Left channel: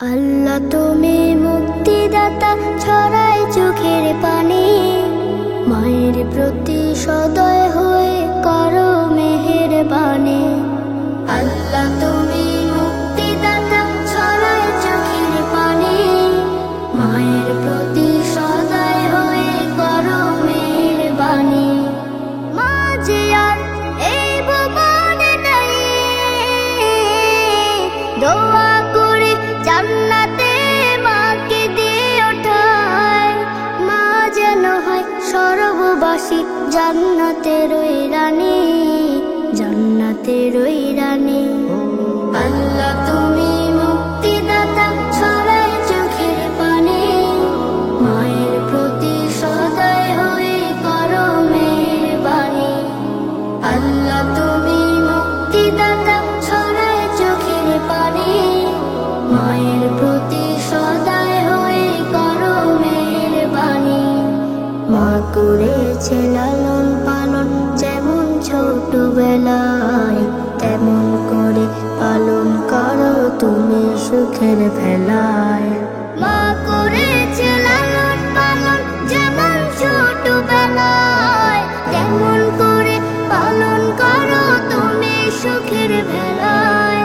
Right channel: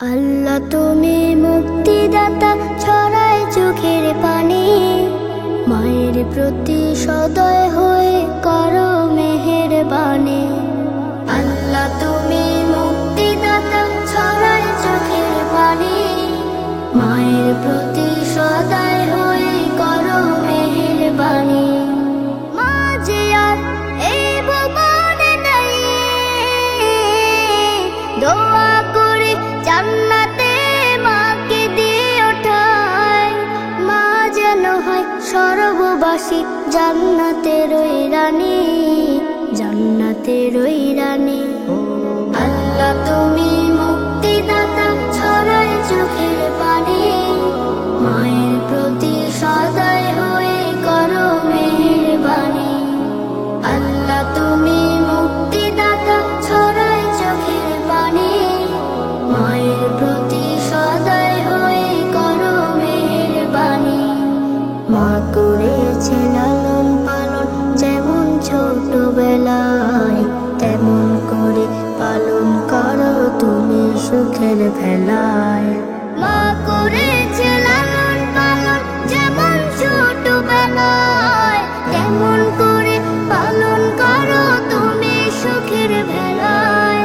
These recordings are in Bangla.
আল্লাহ তুমি মুক্তিদাতা, ছড়ায় চোখের পানি, মায়ের প্রতি সদয় হয়ে করো মেহেরবানি। আল্লাহ তুমি মুক্তিদাতা, ছড়ায় চোখের পানি, মায়ের প্রতি সদয় হয়ে করো মেহেরবানি। মা যে আর এই ভুবনে নাই, দোয়া করে জান্নাতে মাকে দিয়ে ওঠায়, মা যেন হয় সর্ববাসী জান্নাতের ওই রানী, জান্নাতের ওই রানী। আল্লাহ তুমি মুক্তিদাতা, ছড়ায় চোখের পানি, মায়ের প্রতি সদয় হয়ে করো মেহেরবানি। আল্লাহ তুমি মুক্তিদাতা, ছড়ায় চোখের পানি, মায়ের প্রতি সদয় হয়ে করো মেহেরবানি। মা করেছে লালন পালন যেমন ছোটবেলায়, তেমন করে পালন করো তুমি সুখের ভেলায়। মা করেছে লালন পালন যেমন ছোটবেলায়, তেমন করে পালন করো তুমি সুখের ভেলায়।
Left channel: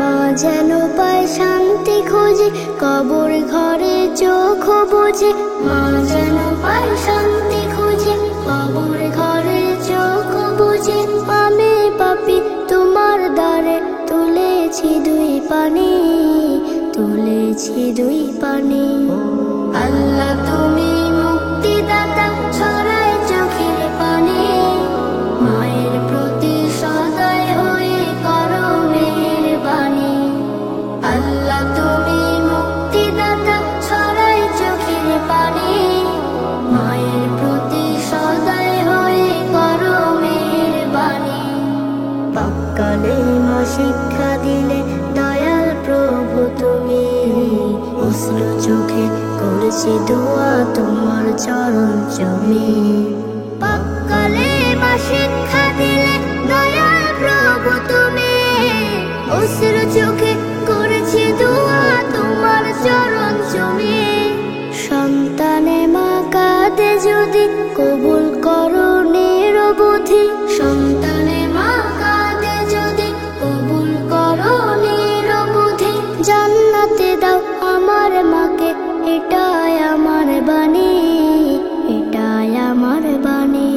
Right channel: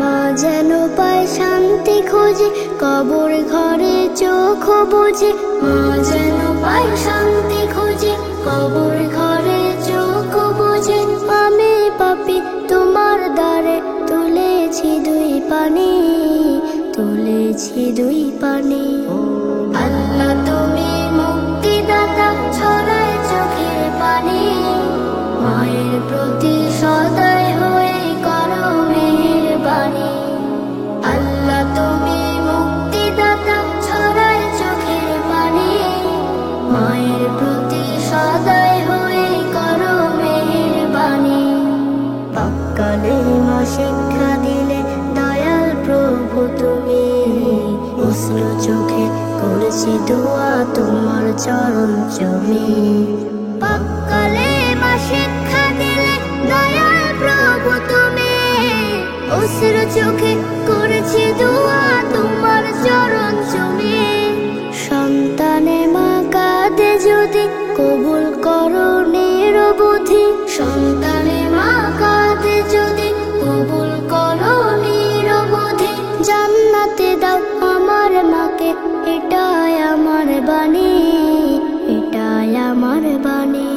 মা যেন পায় শান্তি খুঁজে কবর ঘরে চোখ বুঝে, মা যেন পায় শান্তি খুঁজে কবর ঘরে চোখ বুঝে। আমি পাপী তোমার দ্বারে তুলেছি দুই পানি, তুলেছি দুই পানি। আল্লাহ তুমি মুক্তিদাতা, ছড়ায় চোখের পানি, মায়ের প্রতি সদয় হয়ে করো মেহেরবানি। আল্লাহ তুমি মুক্তিদাতা, ছড়ায় চোখের পানি, মায়ের প্রতি সদয় হয়ে করো মেহেরবানি। পাককালে মা শিক্ষা দিলে দয়াল প্রভু তুমি, অশ্রু চোখে করেছি দোয়া তোমার চরণ চুমি। পাককালে মা শিক্ষা দিলে দয়াল প্রভু তুমি, অশ্রু চোখে করেছি দোয়া তোমার চরণ চুমি। সন্তানে মা কাঁদে যদি কবুল করো নিরবধি, সন্তানে মা কাঁদে যদি কবুল করো নিরবধি। জান্নাতে দাও আমার মাকে, এটাই আমার বাণী, এটাই আমার বাণী।